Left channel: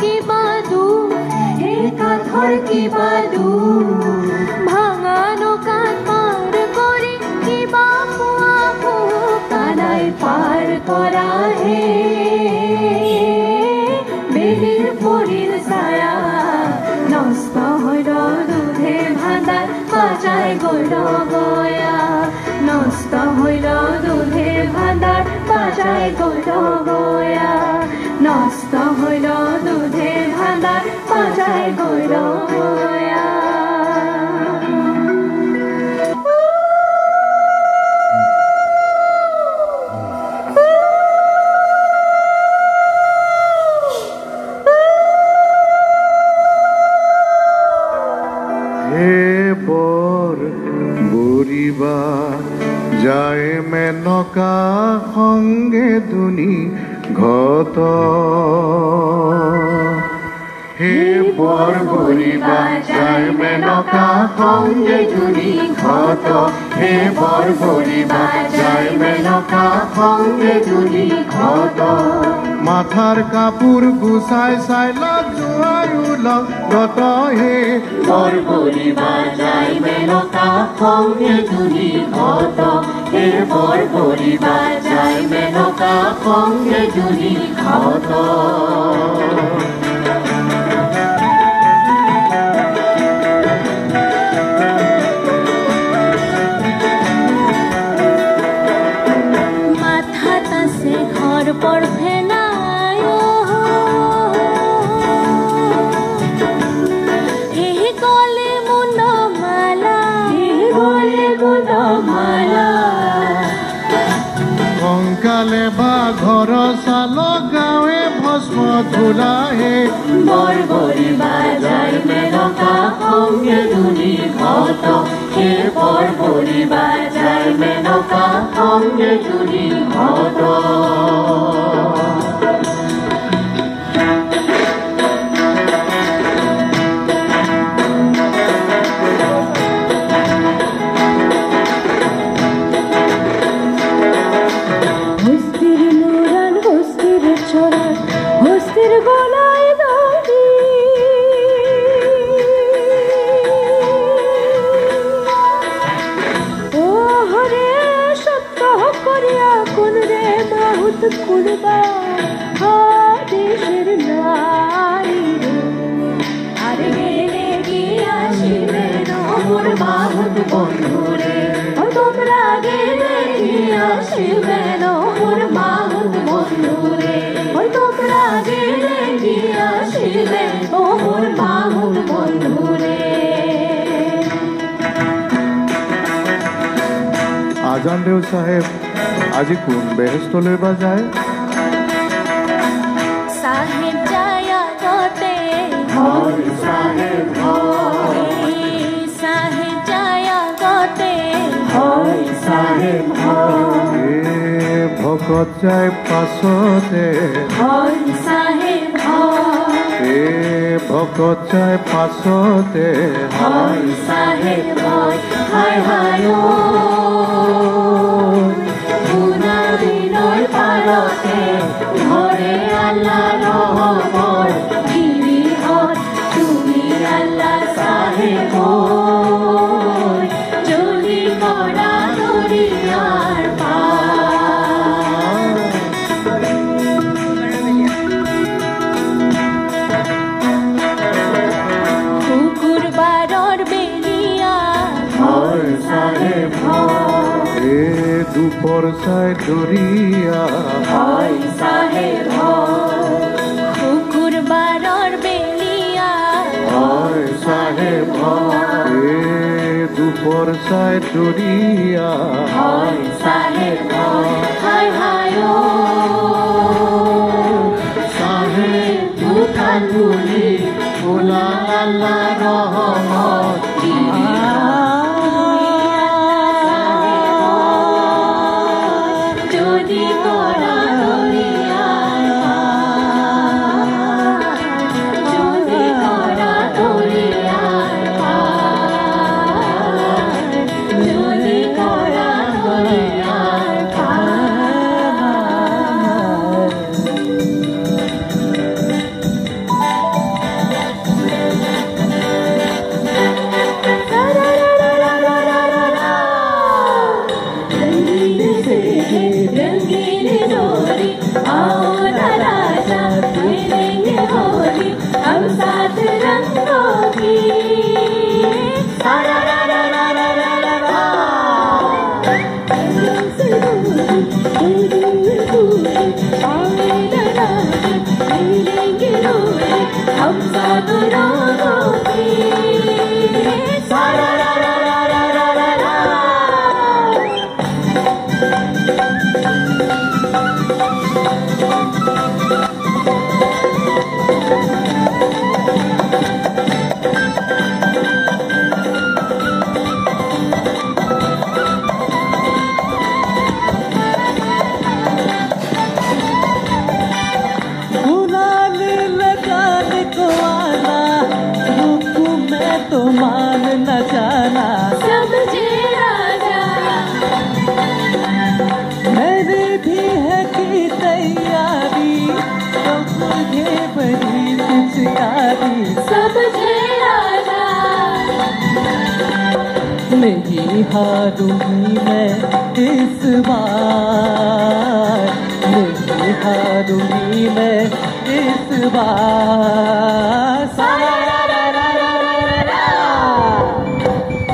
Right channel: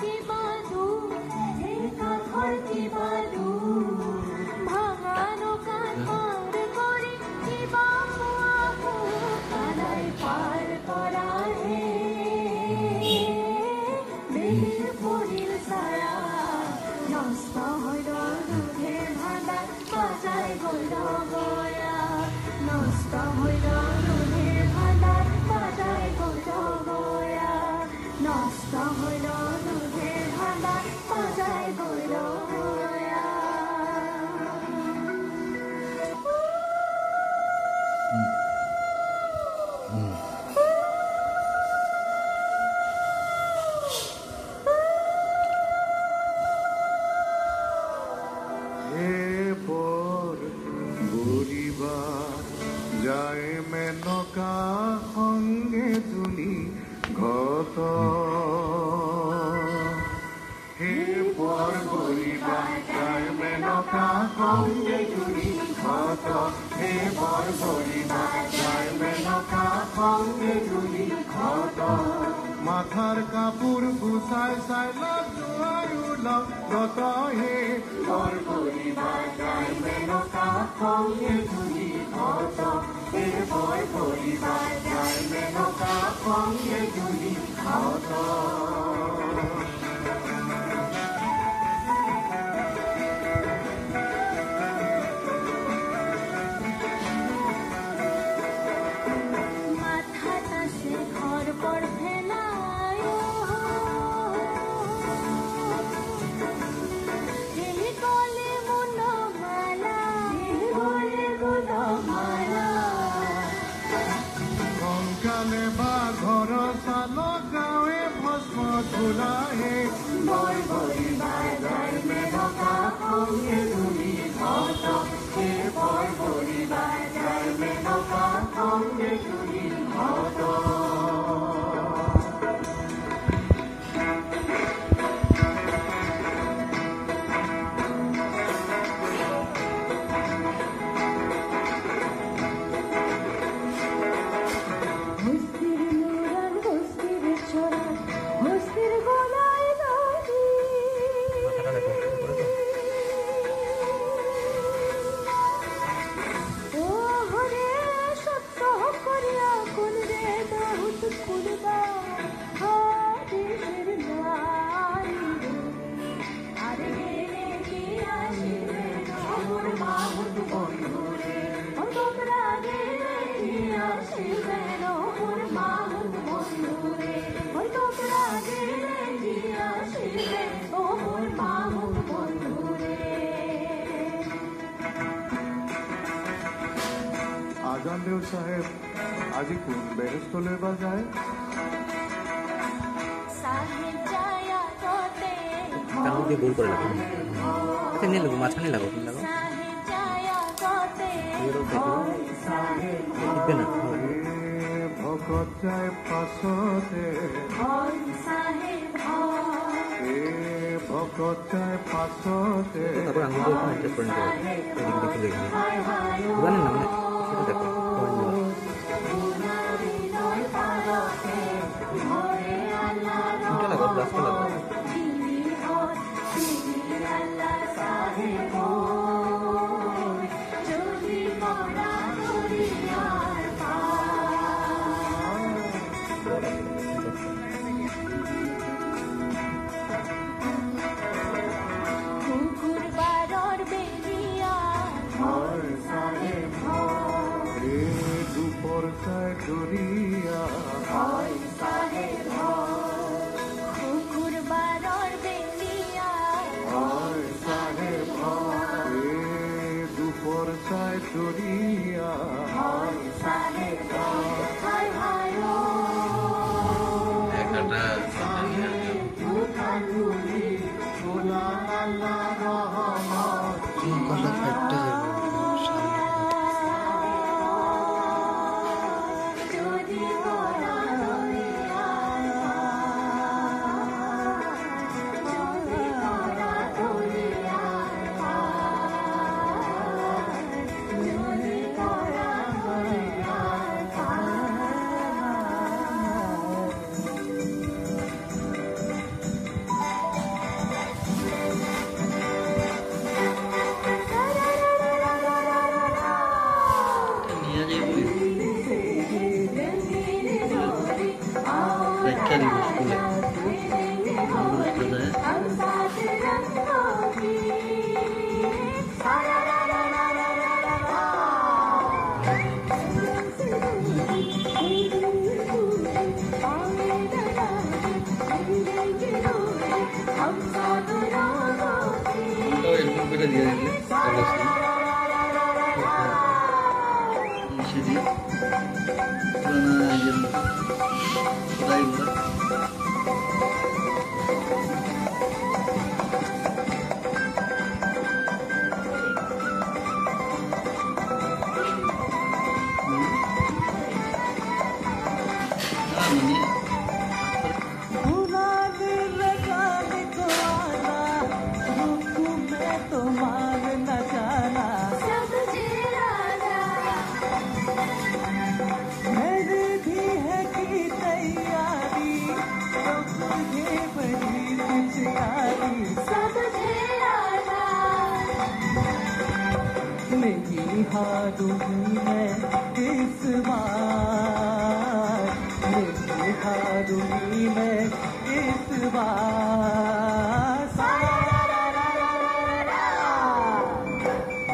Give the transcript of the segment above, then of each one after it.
কিবা দুখ এই কাঠৰ কিবা দুখ ভাঙা নৌকাত পাৰ কৰি কিবা পোৱা কানাই পাৰ কৰা হে বেলিৰ পৰিল ছায়া নষ্ট হৈ দুধে ভাণ্ডাৰ বাজাই গৈ গয়া নষ্ট হৈ দুধে ভাণ্ডাৰ বাজাই গৈ গয়া নষ্ট হৈ দুধে ভাণ্ডাৰ বাজাই গৈ গয়া যায় মেনকা সঙ্গে দুনি ঘট হে বৰ বৰিবা যায় মেনকা সঙ্গে দুনি ঘট হে বৰ বৰিবা যায় মেনকা সঙ্গে দুনি ঘট মাথাৰ কাপোৰ গুচাই চাই লাগ জোৱাৰো লগত হে বৰ বৰিবা যায় মেনকা সঙ্গে দুনি ঘট হে বৰ বৰিবা যায় মেনকা সঙ্গে দুনি ঘট মাথাত আছে সৰ্পৰ ফেনাই হে গলে মুনমালা কংকালে বা ঘৰ চাল গাঁৱে ভস্ম ধূলা হে বৰ বৰিবা যায় মেনকা সঙ্গে দুনি ঘট হে বৰ বৰিবা যায় মেনকা সঙ্গে দুনি ঘট কুলবা দেশের নারী আরে গেলে কি আসিবে মোর বাহুত বন্ধুরে তোমরা গেলে কি আসিবে মোর বাহুত বন্ধুরে তোমরা গেলে কি আসিবে মোর বাহুত বন্ধুরে আজান দেও সাহেব আজি কোন বেহেস্তলৈ বা যায় সাহেব যায় আগতে সাহেব যায় আগতে সাহেব ভকত যায় পাছতে সাহেব ভকত যায় পাছতে সাহেব হায় হায় ঘরে আল্লাহ রহমত গিরিহর তুমি আল্লাহ সাহেব জলি করা দরিয়ার পার কুকুর বারর বেরিয়া হয় সাহেব দুপর চাই দরিয়া হয় সাহেব কুকুর বারর বেলিয়া হয় সাহেব দুপর চাই দরিয়া হয় সাহেব হায় হায় সাহেব দুখান বুলি ওলা আল্লাহ রহমত যদি করা দরিয়ার যদি করা দরিয়ার যদি করা দরিয়ার हम सब रंगों के सारा रा रा रा रा रा रा रा। नहीं हारूंगी मैं इस बार, नहीं हारूंगी मैं इस बार।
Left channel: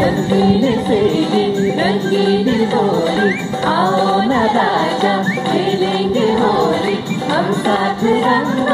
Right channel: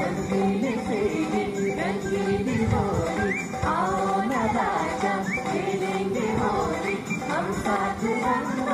रंगीन से रंगीन होली, आओ ना राजा खेलेंगे होली, हम साथ रंग